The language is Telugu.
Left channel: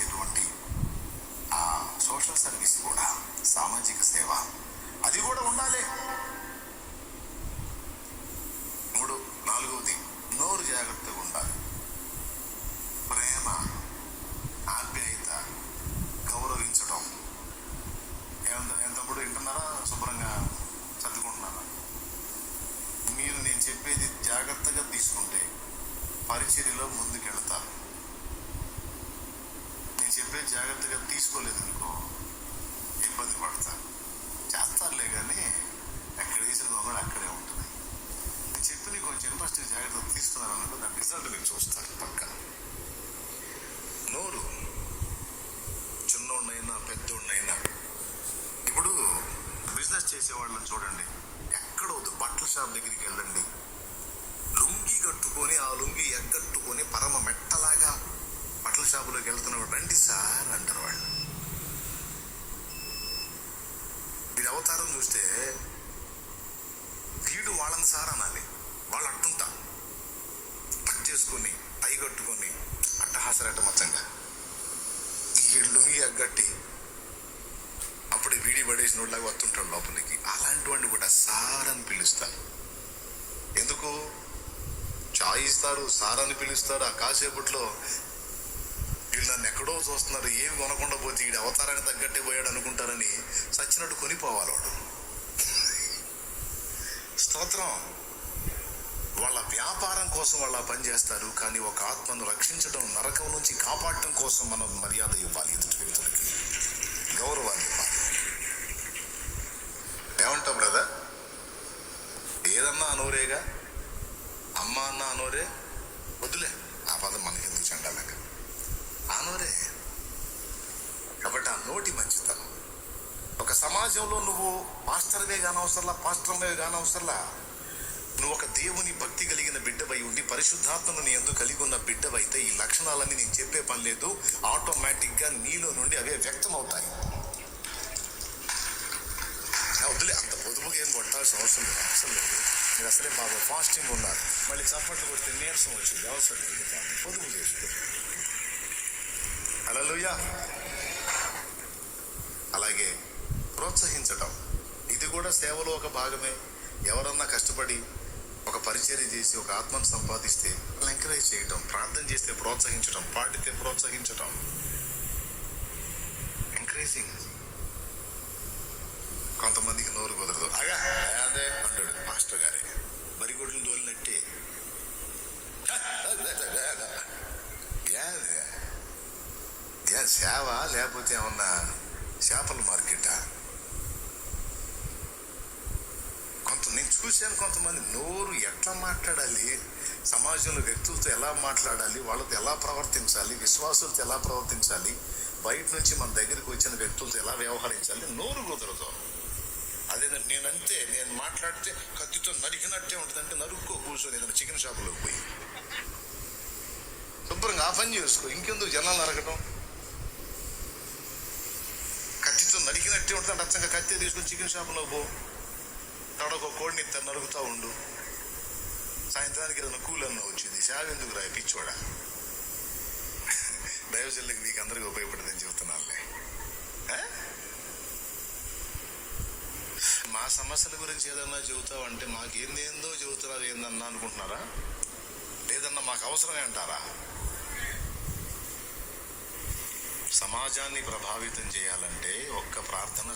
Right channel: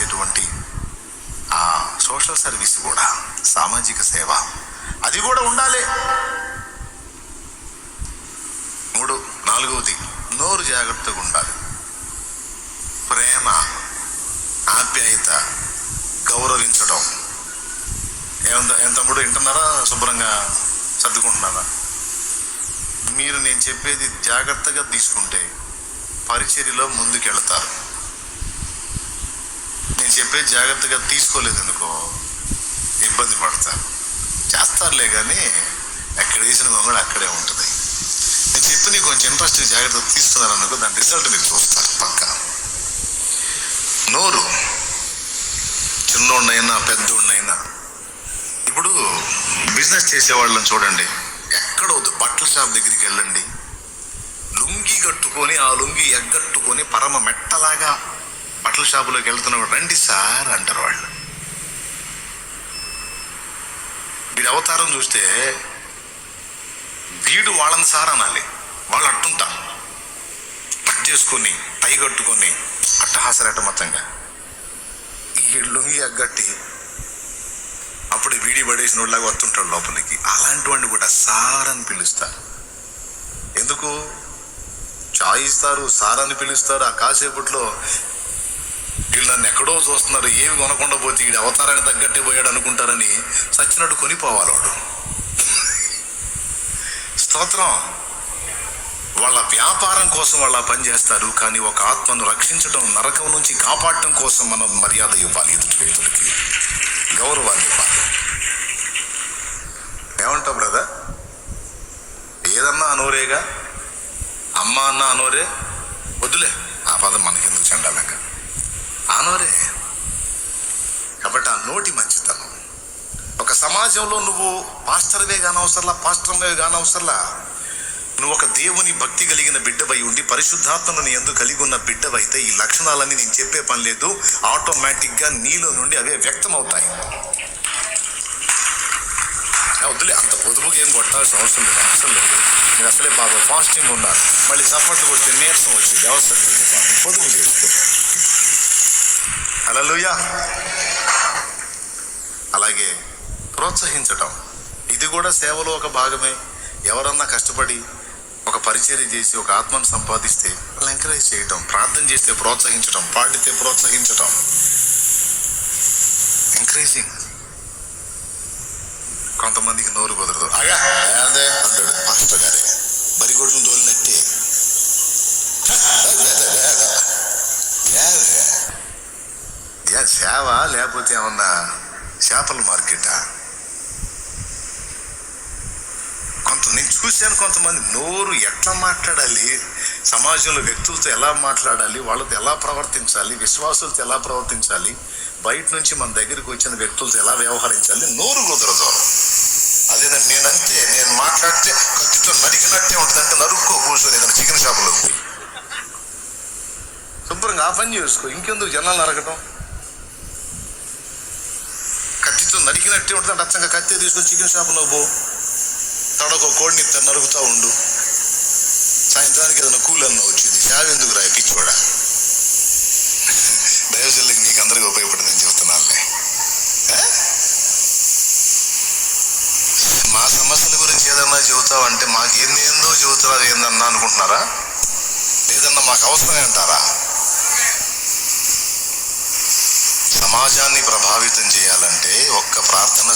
చేసేటువంటి ఆ సోషల్ సర్వీస్ కూడా, సామాజిక సేవ అది కూడా ఉండాలి. 4వది నోరు జాగ్రత్తగా ఉండాలి. ప్రేమ, ఆప్యాయత, గౌరవించడం. ఏం తమ్ముడు, వింటున్నారా? శుభ్రంగా సర్దుకుంటున్నారా? మీరు నేను చెప్పేది జాగ్రత్తగా తీసుకుంటే పరిచర్యలో ముందుకెళ్తారు. నేను చెప్పేది జాగ్రత్తగా తీసుకోలేదు ఎందుకో ఇబ్బంది పడతారు. చేస్తారులే కానీ ఎక్కడ వేసిన గొంగళి అక్కడే ఉంటుంది. నేను చెప్పి నీకు కొంచెం ఇంట్రెస్ట్ జాగ్రత్త తీసుకున్నారు అనుకో, దాని రిజల్ట్ మీరు చూస్తారు పక్క. నోరు చిన్నోడినైనా పెద్దోడినైనా, ఇప్పుడు బిజినెస్ చేసేవాళ్ళని చూడండి, ఎక్కడవద్దు బట్టల షాప్ దగ్గరికి వెళ్ళండి, లుంగి కట్టుకొని ఆ లుంగి ఎగ్గట్టుకొని పరమ మెట్టలాగా బట్టల షాపులోకి వెళ్తున్నప్పుడు రండి సార్ అంటారు వాళ్ళు. వీడి అవతారం చూస్తే వీడు వాళ్ళని సార్ అనాలి. వాళ్ళు అట్టుంటారు, కట్ చేసుకొని టై కట్టుకొని అట్టహాసరటమతంగా ఈ లుంగి ఎగ్గట్టి అప్పుడు వీడి పడేసిన వాళ్ళలాగా వస్తుంటాడు లోపలికి. అలాంటి వాడిని కూడా సార్ అని పిలుస్తారు. ఎందుకు? చాయ్ ఇస్తారు, సార్ అని పిలుస్తారు. ఆ కాసేపట్లో వీళ్ళు నన్ను ఎక్కడో చూస్తున్నారు, ఏమి కొనకుండా పోతే వీడి అవతారానికి తగ్గట్టే పోయాడు అనుకుంటారని సచ్చినట్టు కొనిపోవాలి వాడు. స్తోత్రం. వాళ్ళ వ్యాపారం కోసం వాళ్ళ పని చేస్తారు, కానీ ఒక ఆత్మను రక్షించడం, నరకం నుంచి కాపాడటం కోసం మనం మర్యాద ఇవ్వాలి, ఎదుటి వ్యక్తులకి గౌరవాన్ని ఇవ్వాలి. ఏమంటావు బ్రదర్? ఏదన్నా అనోరేగా, అమ్మ అన్న అనోరే, వద్దులే ఆ పదం మనకెందుకు చెండాలంగా, అనోరే. కాబట్టి ఆ నోటి మంచితనం. ఒక సమాజంలో నువ్వు పాస్టర్వే కానవసరలా, పాస్టర్వే కానవసరలా, నువ్వు ఒక దేవుని భక్తి కలిగిన బిడ్డవై ఉండి పరిశుద్ధాత్మను నీ యందు కలిగి ఉన్న బిడ్డవైతే ఈ లక్షణాలన్నీ నేను చెప్పే పని లేదు, ఆటోమేటిక్గా నీలో నుండి అవే వ్యక్తం అవుతాయి. వద్దులే అంత పొదుపుగా ఏం కొట్టాల్సిన అవసరం లేదు. మీరు అసలే బాగా ఫాస్టింగ్ ఉన్నారు, మళ్ళీ చప్పట్లు కొడితే నీరసం వచ్చింది, అవసరం లేదు. పొదుపు చేస్తూ హల్లెలూయా. అలాగే ప్రోత్సహించటం, ఇది కూడా సేవలో ఒక భాగమే. ఎవరన్నా కష్టపడి ఒక పరిచర్య చేసి ఒక ఆత్మను సంపాదిస్తే వాళ్ళు ఎంకరేజ్ చేయటం, ప్రార్థన చేస్తే ప్రోత్సహించటం, పాడితే ప్రోత్సహించటం, ఎంకరేజింగ్. కొంతమందికి నోరు కుదరదు, అదే అంటాడు మాస్టర్ గారే, బరిగొడ్లు దోలినట్టే. సేవ లేకపోతే ఏమన్నా చేపల మార్కెటా? నేను చూశాను కొంతమంది నోరు ఎట్లా మాట్లాడాలి, సమాజంలో వ్యక్తులతో ఎలా మాట్లాడాలి, వాళ్ళతో ఎలా ప్రవర్తించాలి, విశ్వాసులతో ఎలా ప్రవర్తించాలి, బయట నుంచి మన దగ్గరికి వచ్చిన వ్యక్తులతో ఎలా వ్యవహరించాలి, నోరు కుదరదు. అదేనంటే నేను మాట్లాడితే కత్తితో నరికినట్టే ఉంటుందంటే నరుక్కో కూర్చొని ఏదైనా చికెన్ షాపులో శుభ్రంగా ఆ పని చేసుకో, ఇంకెందుకు జనాలు నరకటం. కత్తితో నరికినట్టే ఉంటుంది, అచ్చంగా కత్తి తీసుకొని చికెన్ షాపులో పో, తడొక కోడిని నరుకుతా ఉండు, సాయంత్రానికి ఏదైనా కూలన్నా వచ్చింది, సేవ ఎందుకు రా పిచ్చోడా. దైవజనులకి నీకు అందరికీ ఉపయోగపడుతుందని చెప్తున్నానులే. మా సమస్యల గురించి ఏదన్నా చెబుతావు అంటే మాకు ఏందో చెబుతారా ఏందన్నా అనుకుంటున్నారా? లేదన్నా మాకు అవసరమే అంటారా? సమాజాన్ని ప్రభావితం చేయాలంటే ఒక్క ప్రార్థన